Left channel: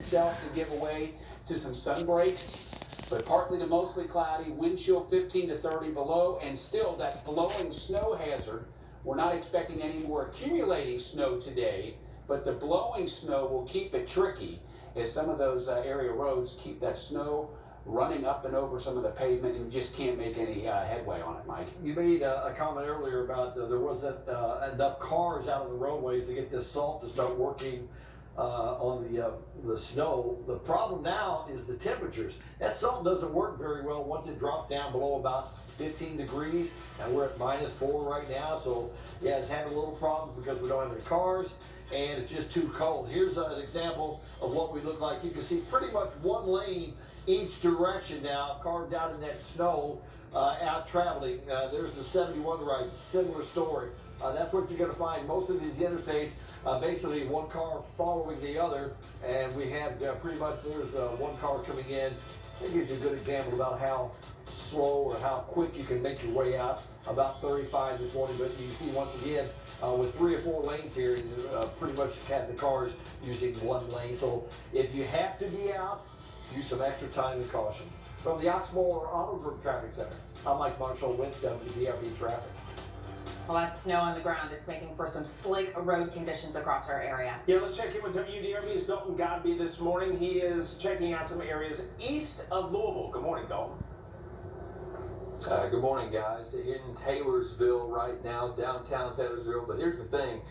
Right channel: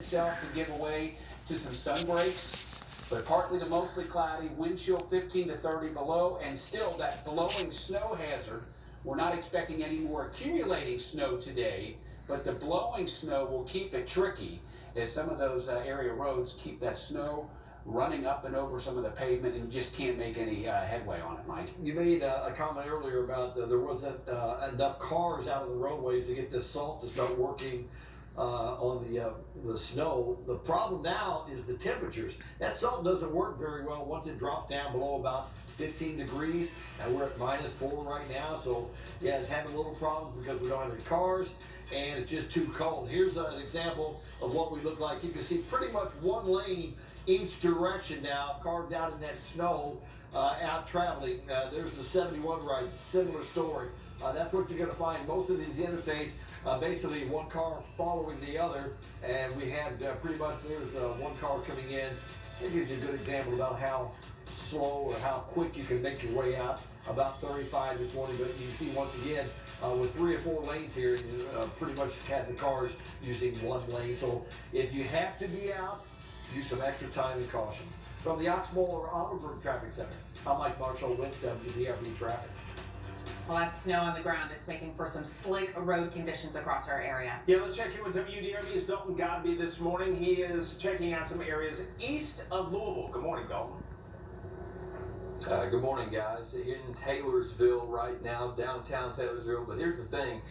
Itself to give way to some sun breaks, but partly to mostly cloudy, wind chill 15 to 30 below, and still that blowing snow hazard. We're not expecting any more accumulating snow today, but the blowing snow will keep it tricky as some of those area roads keep that snow running up and over some of the pavement and just can't make any headway on it, Mike. You made a comment earlier about there wasn't enough cars out on the roadways to get this salt to start working on the snow. The problem now is the temperatures. That salt doesn't work very well once it drops down below about 15 degrees, and we're at -4 right now. So yeah, it's having a little problems because we don't have any cars, and it's just too cold. Here's an example of what we look like. You can see pretty much one lane each direction now, carved out in that snow, out traveling. There's the 71 ride, similar story. That's what you're going to find most of these interstates. Basically one car following the other, and we have pretty much, there's one car coming in. That gives you a good example about how slow or how quick you can make your way out. About 35 this morning, but you can see once again with 3 or 4 lanes here, pretty much have the cars using one lane. So if you have to be out, use some extra time and caution. From the Oxmoor Auto Group Traffic Center, I'm Mike Marshall with WDRB Traffic. Well, that snow on the ground, it's making for some slick road conditions across our area. Yeah, let's check in with WDRB's Dalton Godby this morning. He is checking out some areas east of Louisville. Good morning, Dalton. Good morning, guys. In Taylorsville right now, downtown Taylorsville. But here's the thing.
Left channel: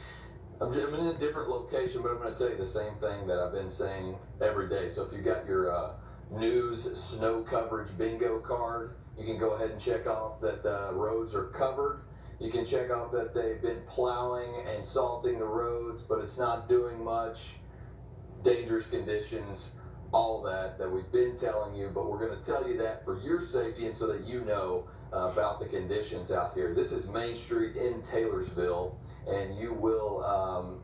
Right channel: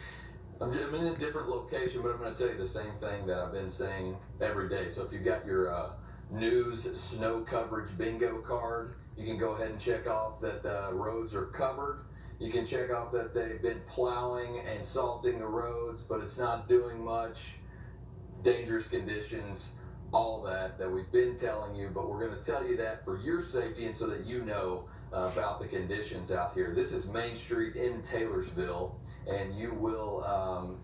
I'm in a different location, but I'm going to tell you the same thing that I've been saying every day. So if you've got your news snow coverage bingo card, you can go ahead and check off that the roads are covered. You can check off that they've been plowing and salting the roads, but it's not doing much. Dangerous conditions, all that we've been telling you, but we're going to tell you that for your safety and so that you know about the conditions out here. This is Main Street in Taylorsville, and you will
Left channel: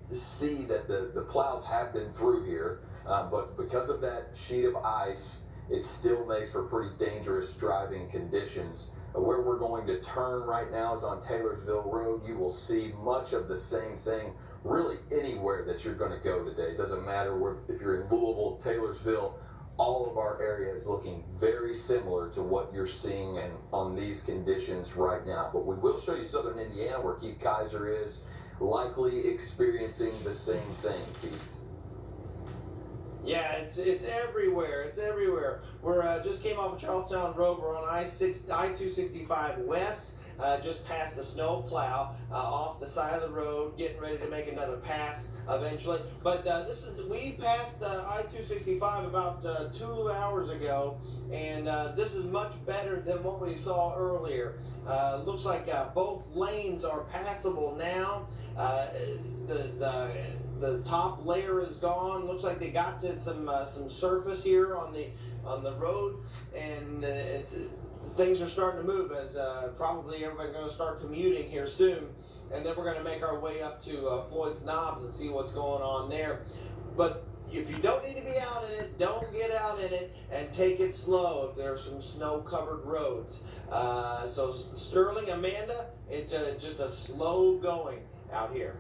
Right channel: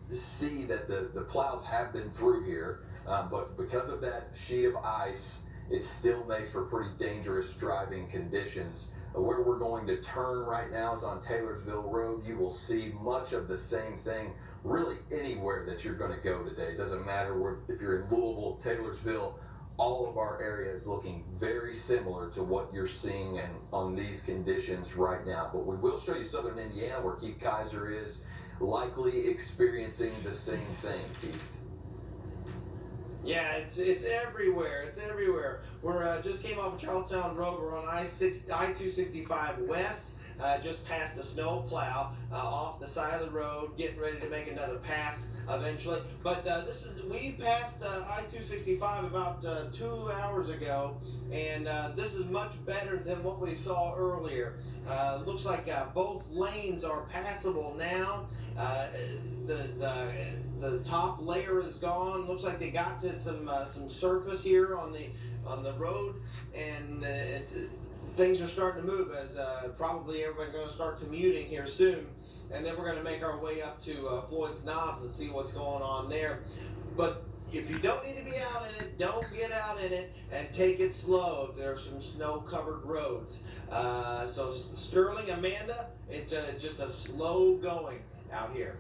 see that the plows have been through here, but because of that sheet of ice, it still makes for pretty dangerous driving conditions. Where we're going to turn right now is on Taylorsville Road. You will see much of the same thing really anywhere that you're going to go today. It doesn't matter if you're in Louisville, Taylorsville, all of our area is looking very similar to what you're seeing and on these conditions right now. But we will show you southern Indiana where Keith Kaiser is likely experiencing the same thing, Keith. Yeah, it's everywhere. It's everywhere. We're just came off of Charlestown Road. We're on I-265 West, just past the snow plow, off the side of the road, getting ready to make another pass eventually. But we passed I-265 about 2 hours ago, and this is much better than what we saw earlier. Looks like both lanes are passable now. The top layer is gone. Looks like they got to some surface here on the road, and things are starting to move as probably everybody's going to start commuting here soon, and then we're going to make our way up to Floyd's Knobs and see what's going on there. But if you don't need to be out in it, don't get out in it, and take it slow if there are some snow-covered roads. So Sterling, Amanda, it's just a slow going out here.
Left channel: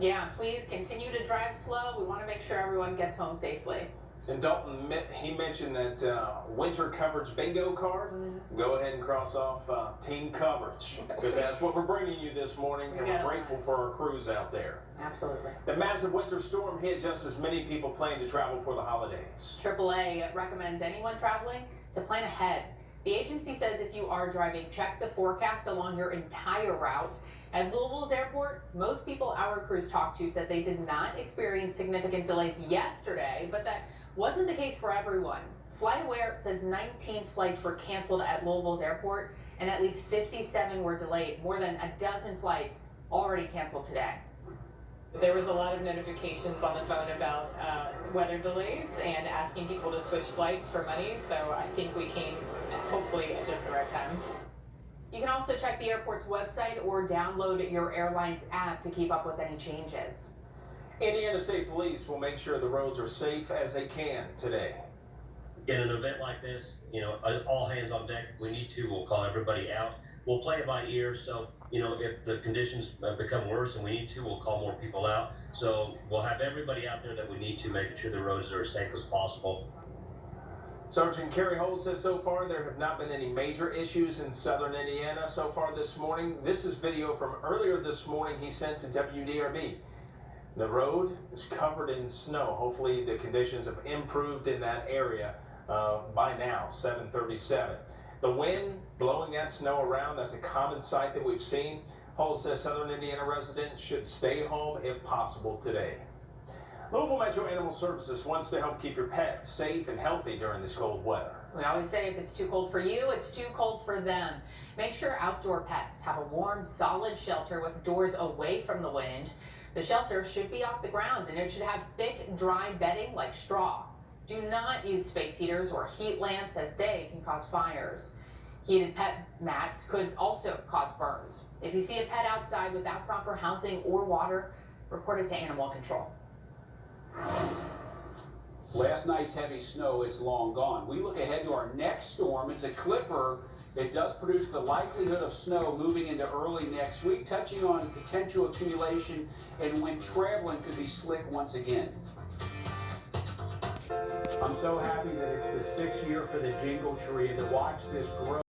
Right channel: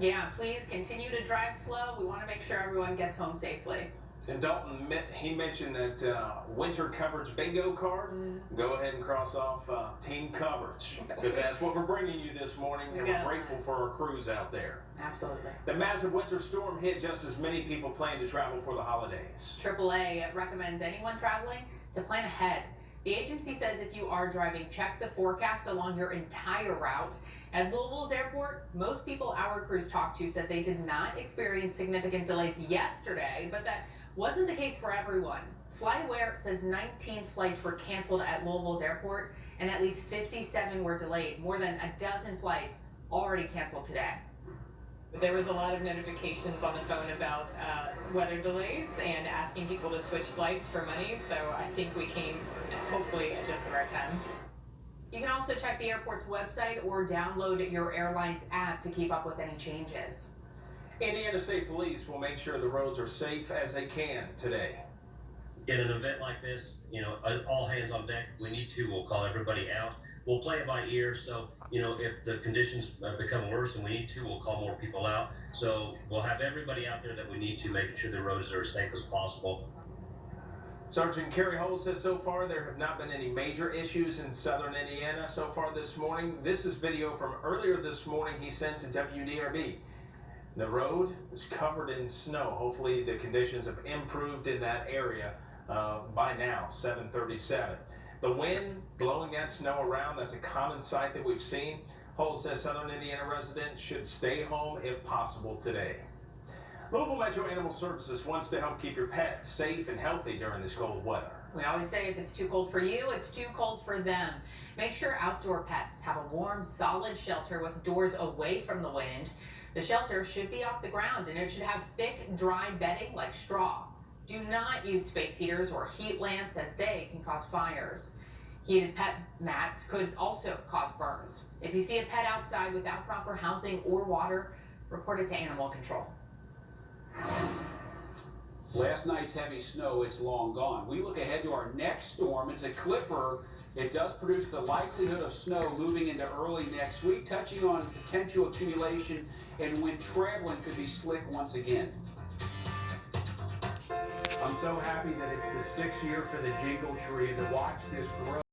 Yeah, please continue to drive slow. We want to make sure everyone gets home safely. And Dalton, he mentioned that winter coverage bingo card. Go ahead and cross off team coverage, because that's what we're bringing you this morning, and we're grateful for our crews out there. Absolutely. The massive winter storm hit just as many people plan to travel for the holidays. AAA recommends anyone traveling to plan ahead. The agency says if you are driving, check the forecast along your entire route. At Louisville's airport, most people our crews talked to said they did not experience significant delays yesterday, but that wasn't the case for everyone. FlightAware says 19 flights were canceled at Louisville's airport, and at least 57 were delayed. More than a dozen flights already canceled today. There was a lot of notifications on the phone about weather delays and asking people to switch flights for money, so I think we came hopefully at just the right time. You can also check the airport's website or download your airline's app to keep up with any changes. Indiana State Police will make sure the roads are safe as they can today. In an event like this, all hands on deck. If we need to, we'll call everybody out. We'll play it by ear. So, if the conditions become worse and we need to, we'll call more people out. So we'll have everybody out there that we need to, making sure the roads are as safe as possible. Sergeant Kerry Holt says so far there have not been any major issues in southern Indiana so far this morning. This is video from earlier this morning he sent to WDRB. The road is covered in snow. Hopefully the conditions have improved in that area by now, 7:37. The wind blowing that snow around, that's a common sight that we've seen. Holt says southern Indiana residents should stay home if possible today. Louisville Metro Animal Services wants to help keep your pets safe and healthy during this cold weather. We always say if it's too cold for you, it's too cold for them. Make sure outdoor pets have a warm, solid shelter with doors away from the wind. The shelter should be off the ground and it should have thick, dry bedding like straw. Do not use space heaters or heat lamps as they can cause fires. Heated pet mats could also cause burns. If you see a pet outside without proper housing or water, report it to animal control. Last night's heavy snow, it's long gone. We look ahead to our next storm. It's a clipper. It does produce the likelihood of snow moving into early next week, touching on potential accumulation and when traveling could be slick once again. I'm so happy that it's the 6th year for the Jingle Tree and to watch this grow.